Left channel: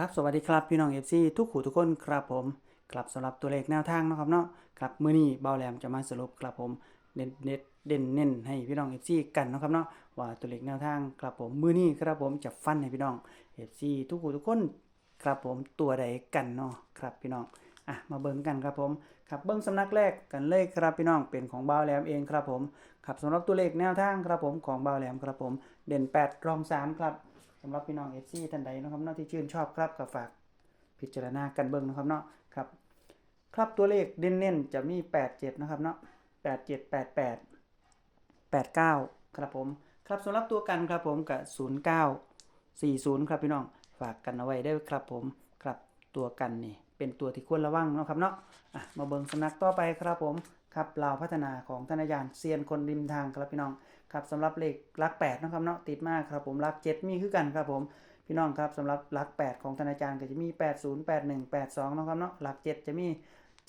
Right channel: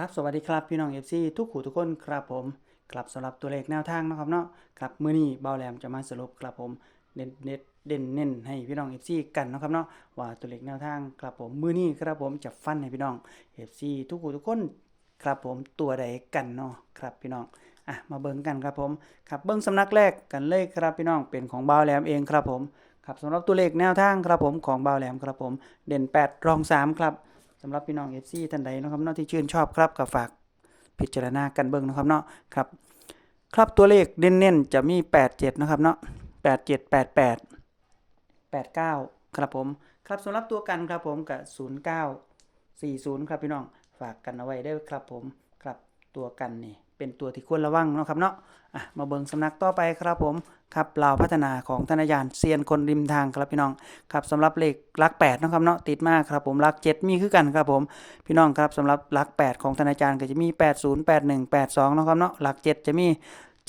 ครับสวัสดีครับพี่น้อง FC ทุกขู่ทุกคนครับผมครับสำหรับตัวเลขแนวทางนะครับเนาะครับมื้อนี้เบาแหลมจะมาสรุปครับผมเน้นเน็ตเด่นเน้นให้พี่น้อง FC กันนะครับเนาะว่าตัวเลขแนวทางครับผมมื้อนี้ครับผมจะฟันให้พี่น้อง FC ทุกขู่ทุกคนครับผมตัวใดกันเนาะครับพี่น้องอะมาเบิ่งกันครับผมครับเบิ่งสำนักแรกกันเลยครับพี่น้องเป็นของเบาแหลมเองครับผมครับสำหรับตัวเลขแนวทางครับผมของเบาแหลมครับผมเด่น 8 รอง 3 ครับ สำหรับพี่น้องเอฟซีท่านใดนะครับเนาะที่ชื่นชอบครับก็ฝากพิจารณากันเบิ้งนะครับเนาะครับครับตัวเลขเน้นๆจะมี 87 นะครับเนาะ87 88 89 ครับผม ครับสำหรับตัวกันครับผมกับ 09 40 ครับพี่น้องฝากกันเอาไว้ได้ครับผมครับตัวกันนี่ เป็นตัวที่ควรระวังเนาะครับเนาะะมาเบิงสำนักต่อไปครับผมครับลาวพัฒนาของธนายานเซียนคนริมทางครับพี่น้องครับสำหรับเลขหลัก8นาะครับเนาะติดมากครับผมหลัก 7 มีคือกันครับผมพี่น้องครับสำหรับหลัก 8 ของธนาจารย์ก็จะมี 80 81 82นาะครับเนาะหลัก 7 จะมี 70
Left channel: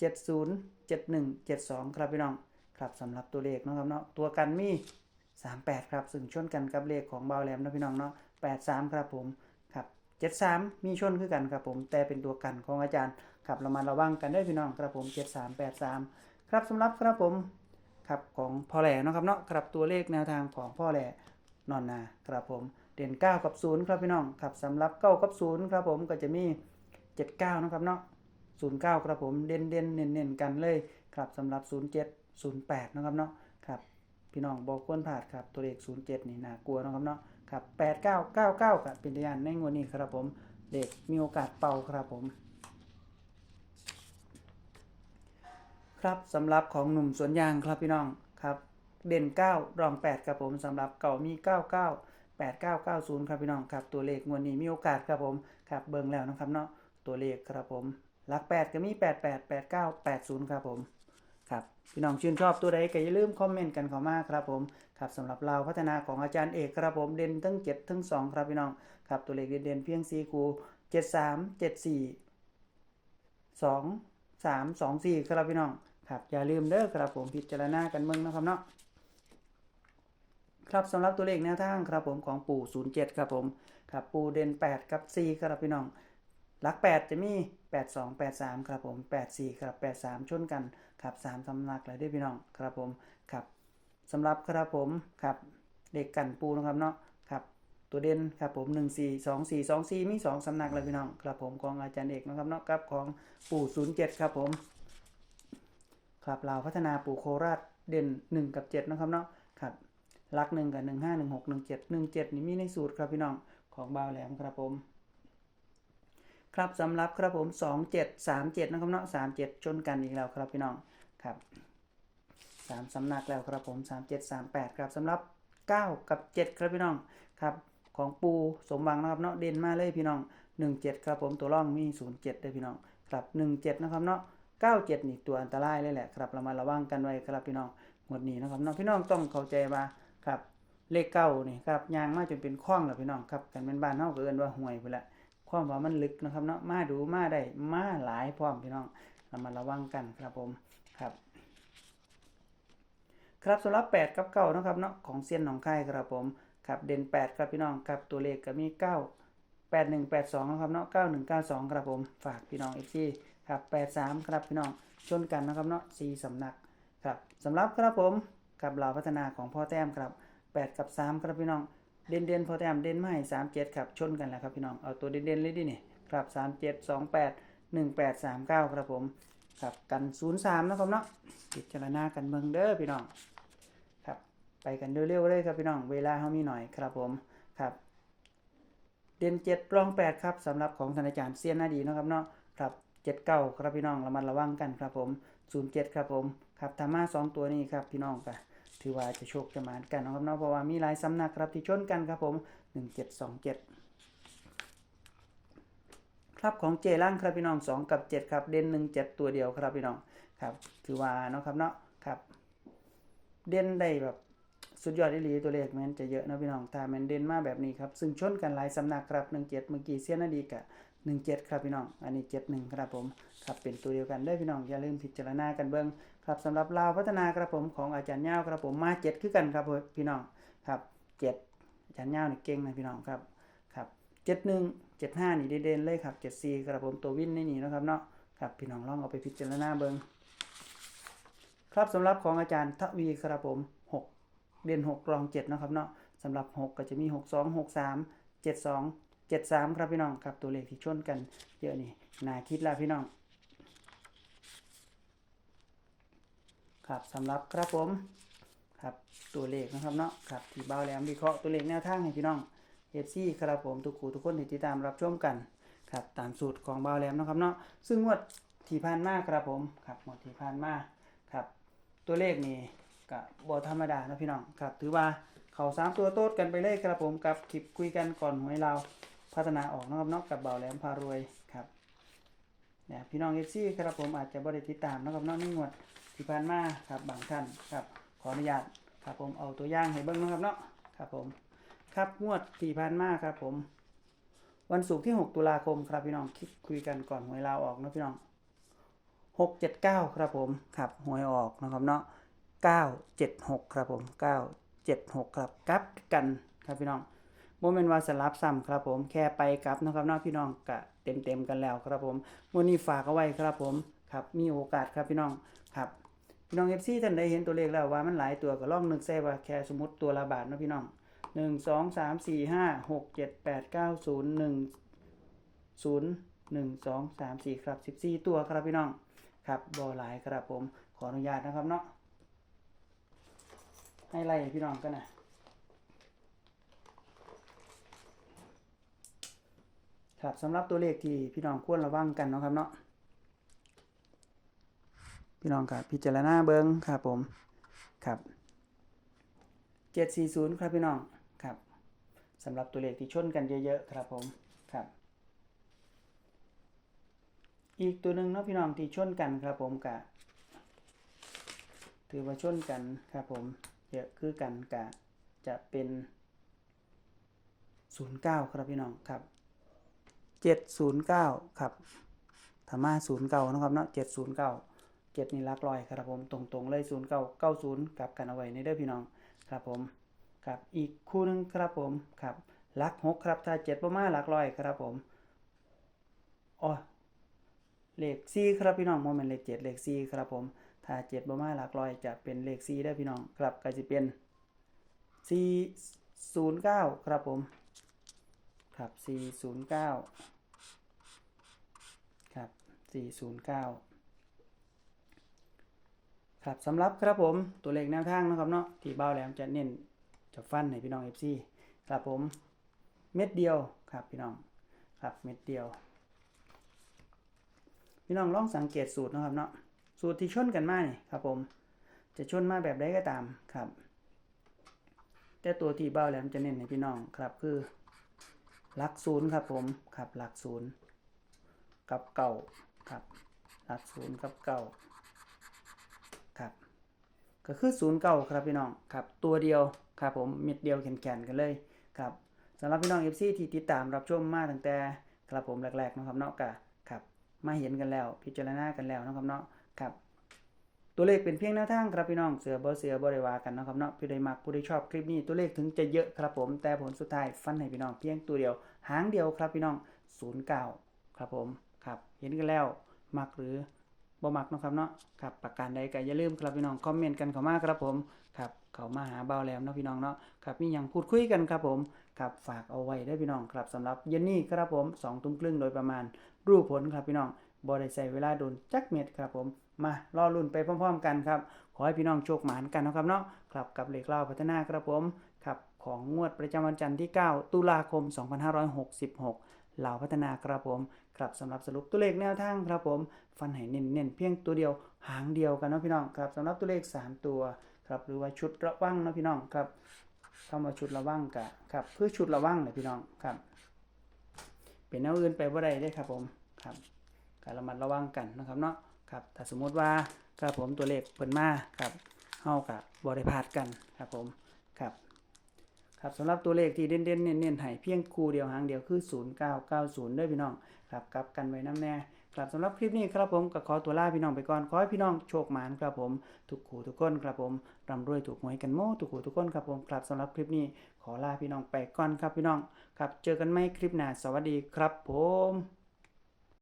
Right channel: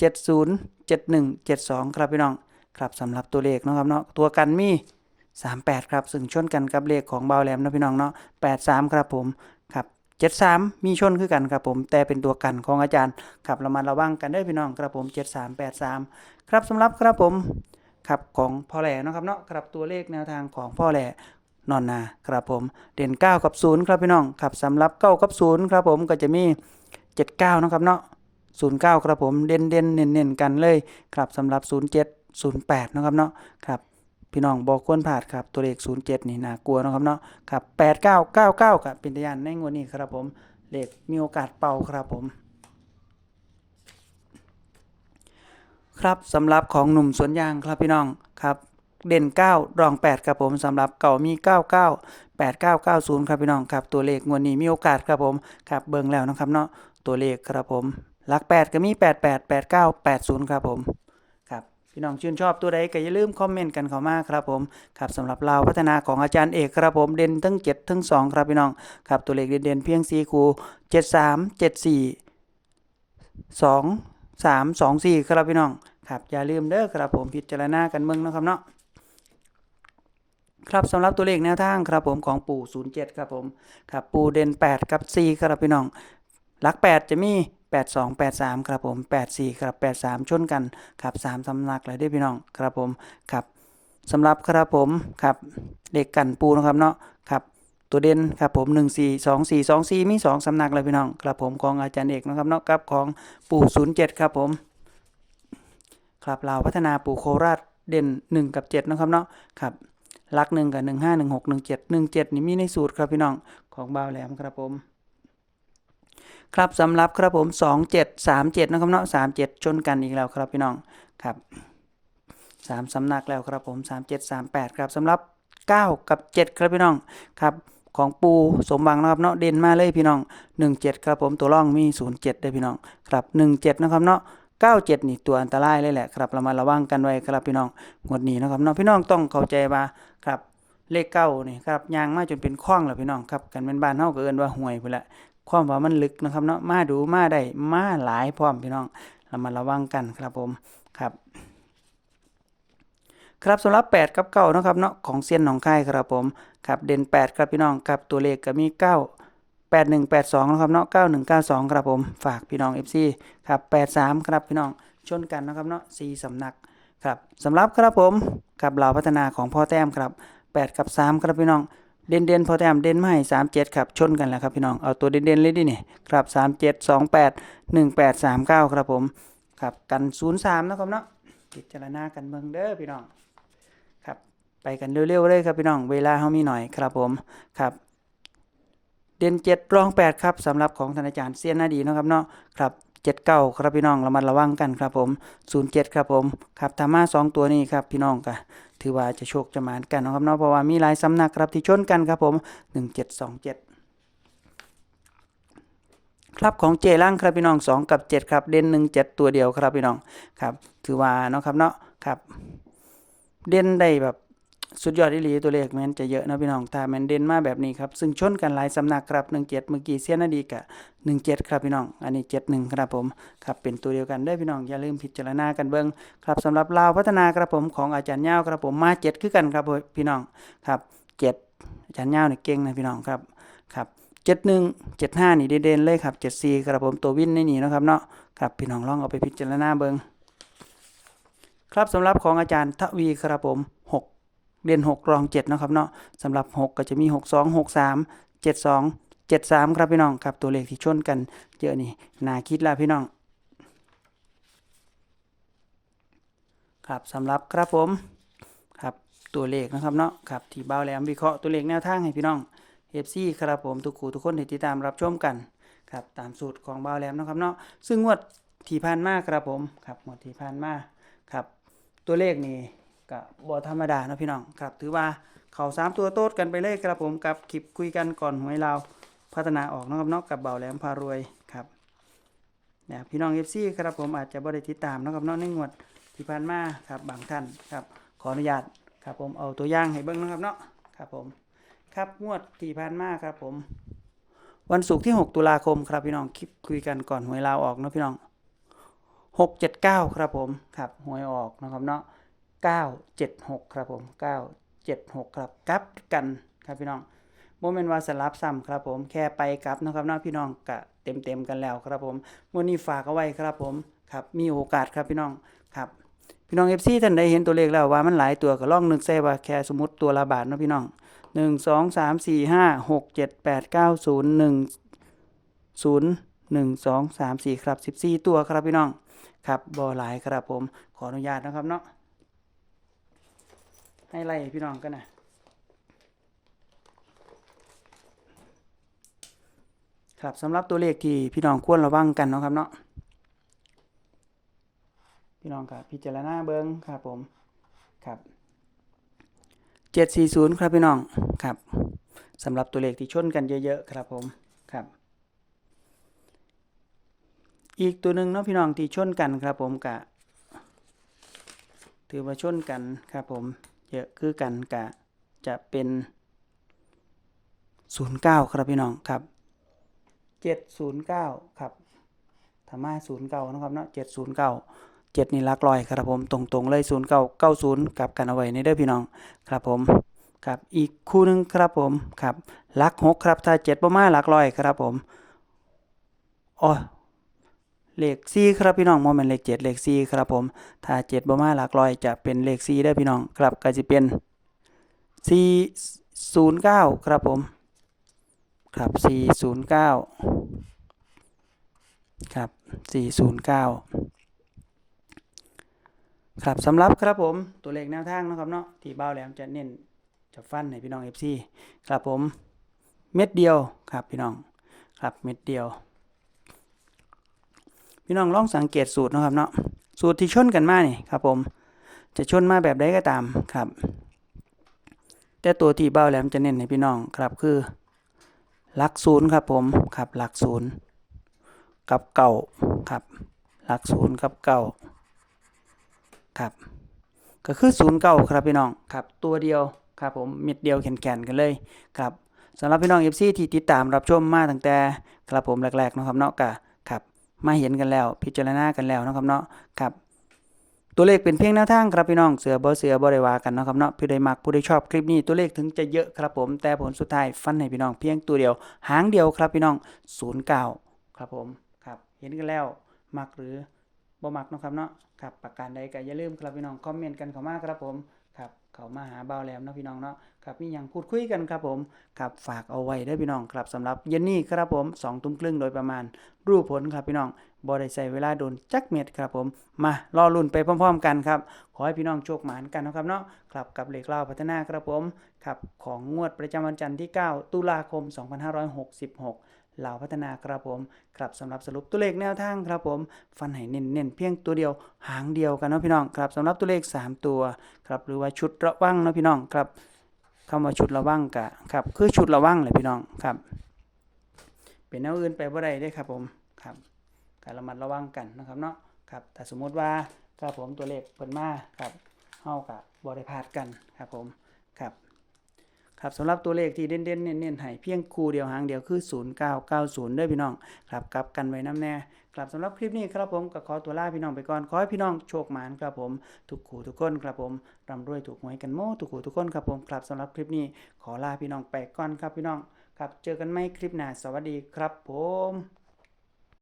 71 72 ครับพี่น้องครับสำหรับตัวเลขเนาะครับเนาะตัวกันมี 38 ครับซึ่งชนกันกับเลขของเบาแหลมนะพี่น้องเนาะ83 ครับผม ครับ73มีชนคือกันครับผม แต่เป็นตัวกันของอาจารย์ครับเรามาระวังกันได้พี่น้องครับผม73 83ครับสำหรับครับผมครับของพ่อแหล่นะครับเนาะครับตัวเลขแนวทางของพ่อแหล่นอนนาครับผมเด่น 9 กับ 0 ครับพี่น้องครับสำหรับ 9 กับ 0 ครับผมก็จะมี 79เนาะครับเนาะ09 ครับผมเด่นเด่นเน้นเน้นกันเลยครับสำหรับ 07 08เนะครับเนาะครับ พี่น้องบอกควรผ่าดครับตัวเลข 07 นี่น่ากลัวนะครับเนาะครับ89 99กับเป็นตยานในงวดนี้ครับผมเลขมีโอกาสเป่าครับผม ครับสำหรับของหนุ่มสวนยางครับพี่น้องครับเด่น 9 รอง 8 ครับผมสำหรับเก่ามี 99 8990 ครับพี่น้องครับตัวเลขงวดนี้มีโอกาสครับผมครับเบิ่งแล้วนะครับเนาะตัวเลขครับผมหลัก 8 ก็มี 88 89 80 ครับผม พี่น้องชื่นชอบตัวใดก็อย่าลืมคอมเมนต์กันเข้ามาครับผมครับสำหรับเราพัฒนาของอาจารย์เอกครับผมเด่นทั้ง7ทั้ง2 ครับพี่น้องครับตัวเลขเด่นๆเพียง4คู่73 74 2 3 2 4 ครับพี่น้องครับอย่าลืมเด้อครับผมพิจารณากันเมืองนะครับเนาะครับสำหรับตัวเลขแนวทางครับผมของปู่ 07 ครับผมครับปู่เด่น 8 กับ 4 ครับพี่น้องหลัก 8 จะมี 82 83ครับผม84ครับ83 ชนกันครับ3สำนักเลยด้อพี่น้องครับผมครับสำหรับครับผมครับเลขกันปูนะครับเนาะครับตัวเด่นครับผม 1 4 2 4 2 4 มี 2สำนักเลยพี่น้องครับผมของอาจารย์เอกนะครับเนาะครับของปู่ 07 ครับผมครับลาพัฒนาปู่โคราชเด่น 1 กับ 7 นะครับเนาะครับหลัก1กับ1 5 1 6 1 7 1 7นี่มีในสูตรครับพี่น้องของบ่าวแหลมครับผม ครับสำหรับครับผม2 7 3 7นะครับเนาะ3 7 ชนกันอีกแล้วครับพี่น้องครับ3สำนักแล้วครับผม 3 7 3 8 ครับสำหรับ 9 กับ 7 ครับพี่น้องครับของปูสมบังนะครับเนาะเด่นมาเลยพี่น้อง 1 7 ครับผมตัวร่องมี 0 7 ได้พี่น้องครับ 1 7 นะครับเนาะ97 นี่ตัวอันตรายเลยแหละครับเรามาระวังกันไว้ครับพี่น้องงวดนี้นะครับเนาะพี่น้องต้องเข้าใจว่าครับเลขเก้านี่ครับยางมาจนเป็นข้องแล้วพี่น้องครับกันเป็นบ้านเฮาก็เอิ้นว่าห่วยพุ่นละ ความว่ามันลึกนะครับเนาะมาดูมาได้มาหลายพร้อมพี่น้องเรามาระวังกันครับผมครับครับสำหรับ8กับ9นะครับเนาะของเซียนหนองคายครับผมครับเด่น 8 ครับพี่น้องครับตัวเลขก็มี 9 8182นะครับเนาะ9192 ครับผมฝากพี่น้อง FC ครับ83 ครับพี่น้องชนกันนะครับเนาะ4สำนักครับสำหรับครับผมกับเหล่าพัฒนาของพ่อแต้มครับ 8 กับ 3 ครับพี่น้อง เด่นเด่นๆพอแต้มเด่นไม่สาให้37ครับชนกันแล้วครับพี่น้องเอาตัวเด่นเด่นเลยดิเนี่ยครับ37 28 18 39ครับผมครับกัน03นย์สามนะครับเนาะพิจารณากันเมืองเด้อพี่น้องครับไปกันเร็วๆเลยครับพี่น้องเวลาเฮามีหน่อยครับผมครับเด่นเจ็ดรองแปดครับสำหรับของธนาจารย์เซียนนาดีนะครับเนาะครับเจ็ดเก้าครับพี่น้องระมัดระวังกันครับผมศูนย์เจ็ดครับผมครับธรรมะสองตัวนี้ครับพี่น้องก็ ถือว่าจะโชคจะหมานกันนะครับเนาะเพราะว่ามีหลายสำนักครับที่ชนกันครับผมหนึ่งเจ็ดสองเจ็ดครับของเจล่างครับพี่น้องสองกับเจ็ดครับ เด่นหนึ่งเจ็ดตัวเดียวครับพี่น้องครับ ถือว่าเนาะครับเนาะครับ เด่นได้แบบ สุดยอดอีหลีตัวเลขแมนจะเยอะนะพี่น้องถ้าแมนเด่นมาแบบนี้ครับซึ่งชนกันหลายสำนักครับ17เมื่อกี้เสียนาดีกับ17ครับพี่น้อง อันนี้71ครับผมครับเป็นตัวเดียวกันเด้พี่น้องอย่าลืมพิจารณากันเบิ่งครับสำหรับลาวพัฒนาครับผมของอาจารย์ยาครับผมมา7คือกันครับพี่น้องครับ7อาจารย์ยาวนี่เก่งนะพี่น้องครับครับเจ็ดหนึ่งเจ็ดห้านี่เด่นเลยครับเจ็ดสี่ครับผมตัววินในนี่นะครับเนาะครับพี่น้องลองเอาไปพิจารณาเบิงครับสำหรับของอาจารย์ทวีครับผม เด่นหกรองเจ็ดนะครับเนาะสำหรับหกก็จะมีหกสองหกสามเจ็ดสองเจ็ดสามครับพี่น้องครับตัวเลขที่ชนกันเยอะนี่น่าคิดละพี่น้อง ครับสำหรับครับผมครับตัวเลขนะครับเนาะครับที่เบาแหลมวิเคราะห์ตัวเลขแนวทางให้พี่น้องเอฟซีครับผมทุกคู่ทุกคนที่ติดตามรับชมกันครับตามสูตรของเบาแหลมนะครับเนาะซึ่งงวดที่ผ่านมาครับผมครับงวดที่ผ่านมาครับตัวเลขนี่ ก็บ่ธรรมดาเนาะพี่น้องครับ ถือว่าเขาสามตัวโต๊ดกันไปเลยครับผมกับคลิปคุยกันก่อนหวยเราวพัฒนาออกนะครับเนาะกับเบาแหลมพารวยครับเนี่ยพี่น้องเอฟซีครับผมอาจจะบ่ได้ติดตามนาะครับเนาะในงวดที่ผ่านมาครับบางท่านครับ ขออนุญาตครับผมเอาตัวอย่างให้เบิ่งนะครับเนาะครับผมครับงวดที่ผ่านมาครับผม วันศุกร์ที่ 6 ตุลาคมครับพี่น้องคลิปคุยกันก่อนหวยลาวออกนะพี่น้อง679 ครับผมครับหวยออกนะครับเนาะ 976 ครับผม 976 ครับกลับกันครับพี่น้องโมเมนต์ว่าสลับซ้ำครับผมแค่ไปกลับนะครับเนาะพี่น้องกะเต็มเต็มกันแล้วครับผมวันนี้ฝากเอาไว้ครับผมครับมีโอกาสครับพี่น้องครับพี่น้องเอฟซีท่านใดเห็นตัวเลขแล้วว่ามันหลายตัวก็ลองนึกใส่ว่าแค่สมมติตัวละบาทนะพี่น้องหนึ่งสองสามสี่ห้าหกเจ็ดแปดเก้าศูนย์หนึ่งศูนย์หนึ่งสองสามสี่ครับสิบสี่ตัวครับพี่น้องครับบอหลายครับผมขออนุญาตนะครับเนาะ ให้ไล่พี่น้องกันนะครับสำหรับตัวเลขที่พี่น้องควรระวังกันเนาะครับเนาะพี่น้องครับพิจารณาเบิ้งครับผมครับเจ็ดสี่ศูนย์ครับพี่น้องครับสำหรับตัวเลขที่ชนกันเยอะๆครับผมครับ อีกตัวหนึ่งเนาะพี่น้องที่ชนกันครับผมกะถือว่าชนกันครับผม เยอะคือกันกะจะเป็นศูนย์เก้าครับพี่น้องครับเจ็ดศูนย์เก้าครับธรรมาศูนย์เก้านะครับเนาะเจ็ดศูนย์เก้าเจ็ดนี่ลักลอยครับผมตรงๆเลยศูนย์เก้าเก้าศูนย์กลับกันเอาไว้ในเด้อพี่น้องครับผมครับอีกคู่หนึ่งครับผมครับลักหกครับถ้าเจ็ดประมาณลักลอยครับผมอ๋อ เลขสี่ครับพี่น้องโมเมนต์เลขเจ็ดเลขสี่ครับผมถ้าเจ็ดประมาหลักลอยจะเป็นเลขสี่ได้พี่น้องครับก็จะเป็นสี่ศูนย์เก้าครับผมครับ409ครับ409ครับสำหรับครับผมตัวเลขแนวทางนะครับเนาะที่เบ้าแหลมจะเน้นจะฟันให้พี่น้อง FC ครับผมเม็ดเดียวครับพี่น้องครับเม็ดเดียว พี่น้องลองสังเกตสูตรนะครับเนาะสูตรที่ชนกันมานี่ครับผมจะชนมาแบบใดก็ตามครับ แต่ตัวที่เบ้าแหลมจะเน้นให้พี่น้องครับคือหลักศูนย์ครับผมครับหลักศูนย์กับเก่าครับหลักศูนย์กับเก่าครับก็คือศูนย์เก่าครับพี่น้องครับตัวเดียวครับผมเม็ดเดียวแข็งๆกันเลยครับสำหรับพี่น้องเอฟซีที่ติดตามรับชมมาตั้งแต่ครับผมแรกๆนะครับเนาะกะครับ มาเห็นกันแล้ว พิจารณากันแล้วนะครับเนาะครับตัวเลขเป็นเพียงแนวทางครับพี่น้องเสือบ่เสือบ่ได้ว่ากันนะครับเนาะผู้ใดมักผู้ใดชอบคลิปนี้ตัวเลขถึงจะเยอะครับผมแต่ผลสุดท้ายฟันให้พี่น้องเพียงตัวเดียว หางเดียวครับพี่น้อง09ครับผมครับเห็นกันแล้วมักหรือบ่มักนะครับเนาะครับประการใดก็อย่าลืมครับพี่น้องคอมเมนต์กันเข้ามาครับผมครับ เขามาหาเบาแหลมเนาะพี่น้องเนาะครับมีหยังพูดคุยกันครับผมครับฝากเอาไว้เด้พี่น้องครับสำหรับเย็นนี้ครับผม2ทุ่มครึ่งโดยประมาณ รูปผลครับพี่น้องบ่ได้ใช้เวลาโดนจักเม็ดครับผม มารอลุ้นไปพร้อมๆกันครับ ขอให้พี่น้องโชคหมานกันนะครับเนาะครับกับเลขเล่าพัฒนาครับผมครับของงวดประจำวันจันทร์ที่ 9 ตุลาคม 2566 เหล่าพัฒนาครับผมครับสำหรับสรุปตัวเลขแนวทางครับผม ฟันให้เน้นๆเพียงตัวเดียวหางเดียวกันเนาะพี่น้องครับสำหรับตัวเลข 3 ตัวครับหรือว่าชุดระวังเนาะพี่น้องครับคำว่าชุดระวังกะครับคือชุดระวังเลยพี่น้องครับ เป็นแนวอื่นไปบ่าได้เด้ครับผมครับการระมัดระวังกันนะครับเนาะครับถ้าสมมติว่าครับผมตัวเลขเพิ่นมาครับเฮากับ่ได้พาดกันครับผม ครับสำหรับตัวเลขที่เด่นๆเน้นๆให้เพียงคู่เดียวหางเดียวคือ0990เด้อพี่น้องครับกลับกันไว้น้ำแน่ครับสำหรับคลิปนี้ครับผมก็ขอตัวลาพี่น้องไปก่อนขอให้พี่น้องโชคหมานครับผมทุกขู่ทุกคนครับผมร่ำรวยถูกหวยกันโม่ทุกขู่ทุกคนครับผมครับสำหรับคลิปนี้ขอลาพี่น้องไปก่อนครับพี่น้องครับเจอกันใหม่คลิปหน้าสวัสดีครับผม